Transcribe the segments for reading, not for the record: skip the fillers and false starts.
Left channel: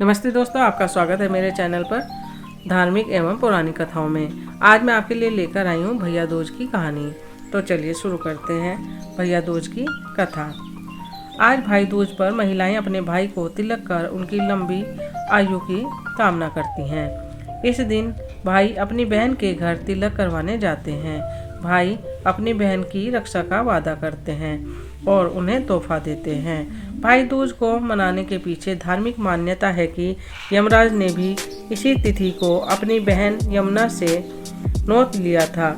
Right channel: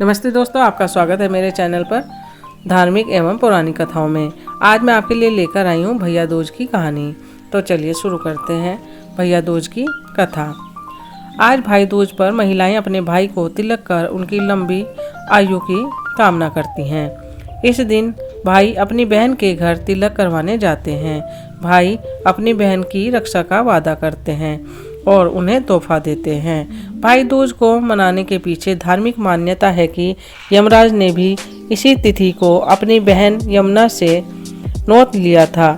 नमस्ते दोस्तों, आपका स्वागत है मेरे चैनल पर धार्मिक एवं पौराणिक कथाओं में। आज मैं आपके लिए लेकर आई हूँ भैया दूज की कहानी। तो चलिए शुरू करते हैं भैया दूज की कथा। आज भाई दूज पर महिलाएं अपने भाई को तिलक कर उनकी लंबी आयु की कामना करती हैं। इस दिन भाई अपनी बहन के घर तिलक करवाने जाते हैं। भाई अपनी बहन की रक्षा का वादा करते हैं और उन्हें तोहफा देते हैं। भाई दूज को मनाने के पीछे धार्मिक मान्यता है कि यमराज ने भी इसी तिथि को अपनी बहन यमुना से नौत लिया था।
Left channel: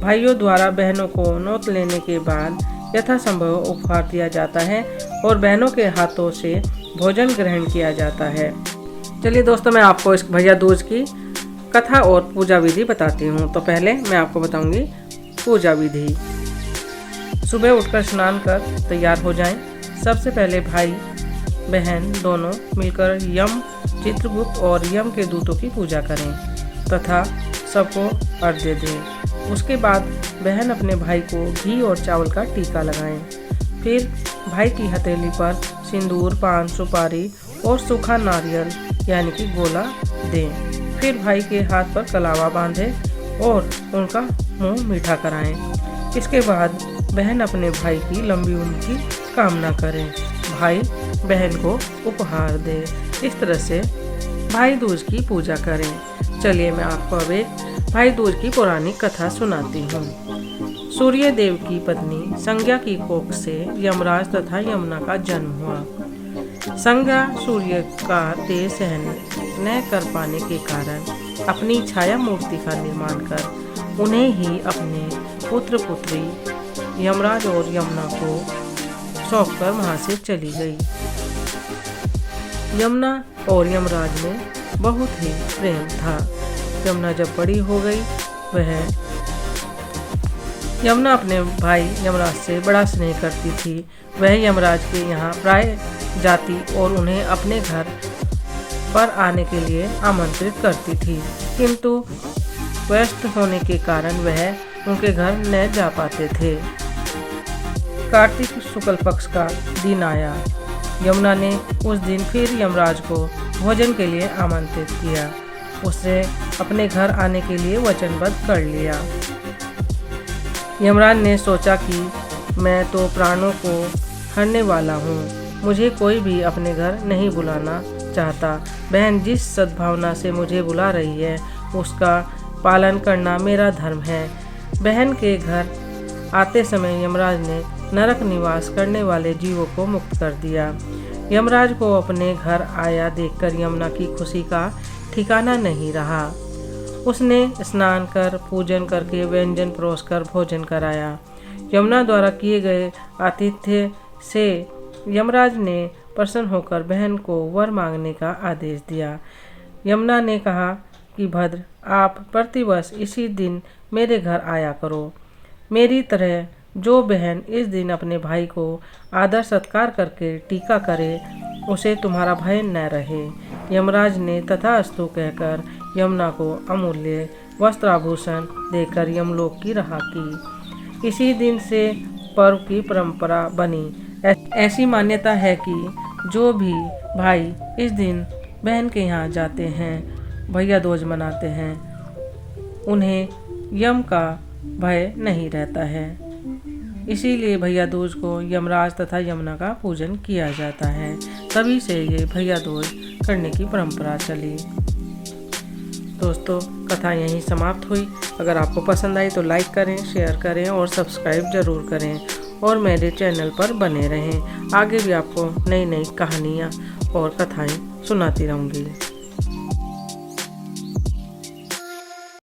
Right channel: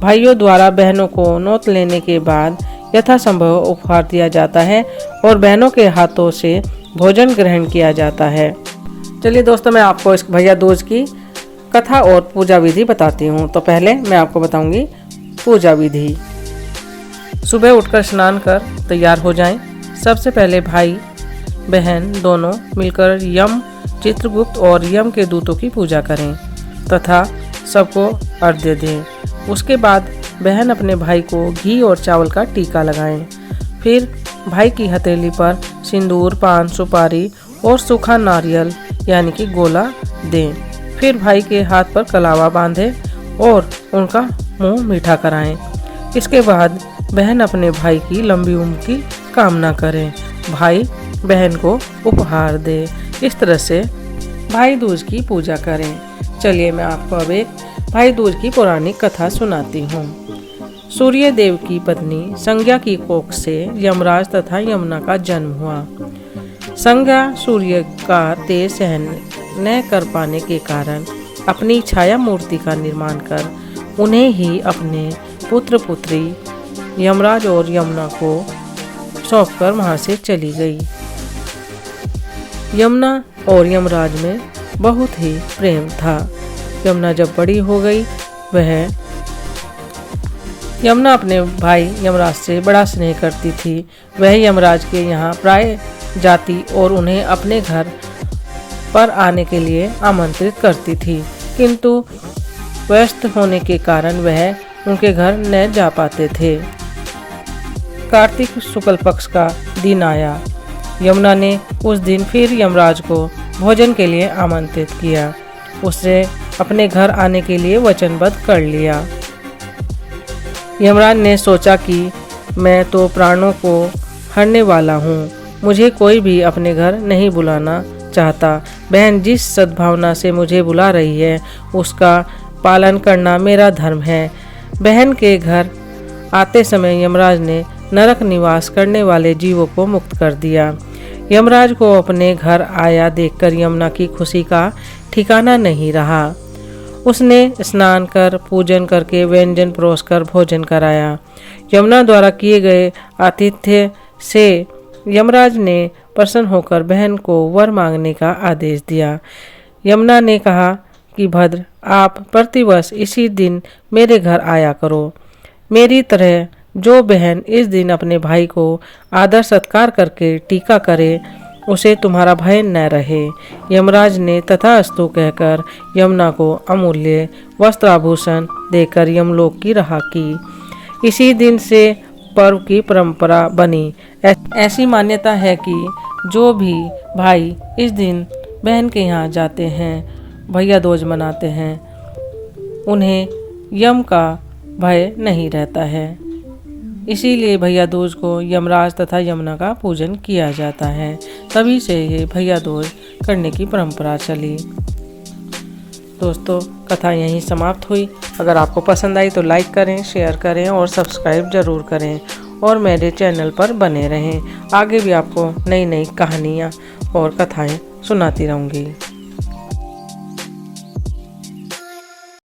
भाइयों द्वारा बहनों को नौत लेने के बाद यथासंभव उपहार दिया जाता है और बहनों के हाथों से भोजन ग्रहण किया जाता है। चलिए दोस्तों, मैं आपको इस भैया दूज की कथा और पूजा विधि बताती हूँ। तो पहले मैं आपको बताऊंगी पूजा विधि। सुबह उठकर स्नान कर तैयार हो जाएं। सबसे पहले भाई बहन दोनों मिलकर यम, चित्रगुप्त और यम के दूतों की पूजा करें तथा सबको अर्घ्य दें। उसके बाद बहन अपने भाई को घी और चावल का टीका लगाएं। फिर भाई की हथेली पर सिंदूर, पान, सुपारी और सूखा नारियल यानी कि गोला दें। फिर भाई के हाथ पर कलावा बांधें और उनका मुंह मीठा कराएं। इसके बाद बहन अपने भाई की लंबी उम्र की कामना करें। भाई बहन को उपहार दे। इस तरह से भाई दूज की पूजा करें। चलिए मैं आपको अब एक भाई दूज की पौराणिक कथा सुनाती हूँ। सूर्य देव की पत्नी संज्ञा की कोख से यमराज तथा यमुना का जन्म हुआ। संज्ञा सूर्य का तेज सहन न कर पाने के कारण अपनी छाया मूर्ति का निर्माण कर उन्हें ही अपने पुत्र पुत्री यमराज और यमुना को सौंपकर वहां से चली गई। यमुना और यमराज में बहुत ही प्रेम था। यमुना जब बड़ी हो गई, यमुना अपने भाई यमराज से बड़ा स्नेह करती थी। वह यमराज के यहाँ प्राय जाती और उन्हें अपने घर पर आने के लिए आमंत्रित करती थी, किंतु व्यस्त होने के कारण वह उनके घर न जा पाते थे। कार्तिक शुक्ल पक्ष का दिन आया। यमुना ने उस दिन फिर यमराज को भोजन के लिए आमंत्रित किया। उसने अपने घर आने के लिए वचनबद्ध कर लिया। यमराज ने सोचा कि मैं तो प्राणों को हरने वाला हूँ, मुझे कोई भी अपने घर नहीं बुलाना चाहता। बहन जिस सद्भावना से मुझे बुला रही है उसका पालन करना मेरा धर्म है। बहन के घर आते समय यमराज ने नरक निवास करने वाले जीवों को मुक्त कर दिया। यमराज को अपने घर आया देखकर यमुना की खुशी का ठिकाना नहीं रहा। उसने स्नान कर पूजन करके व्यंजन परोसकर भोजन कराया। यमुना द्वारा किए गए आतिथ्य से यमराज ने प्रसन्न होकर बहन को वर मांगने का आदेश दिया। यमुना ने कहा कि भद्र, आप प्रतिवर्ष इसी दिन मेरे घर आया करो। मेरी तरह जो बहन इस दिन अपने भाई को आदर सत्कार करके टीका करे, उसे तुम्हारा भय न रहे। यमराज ने तथास्तु कहकर यमुना को अमूल्य वस्त्राभूषण देकर यमलोक की राह की। इसी दिन से पर्व की परंपरा बनी। ऐसी मान्यता है कि जो भी भाई इस दिन बहन के यहाँ जाते हैं, भैया दूज मनाते हैं, उन्हें यम का भय नहीं रहता है। इसीलिए भैया दूज को यमराज तथा यमुना का पूजन किया जाता है। तभी से ये भैया दूज करने की परंपरा चली। दोस्तों, कथा यहीं समाप्त हुई। अगर आपको पसंद आई तो लाइक करें, शेयर करें और सब्सक्राइब जरूर करें और मेरे चैनल पर बने रहें। आगे भी आपको नई नई कहानियाँ और कथाएं सुनाती रहूँगी।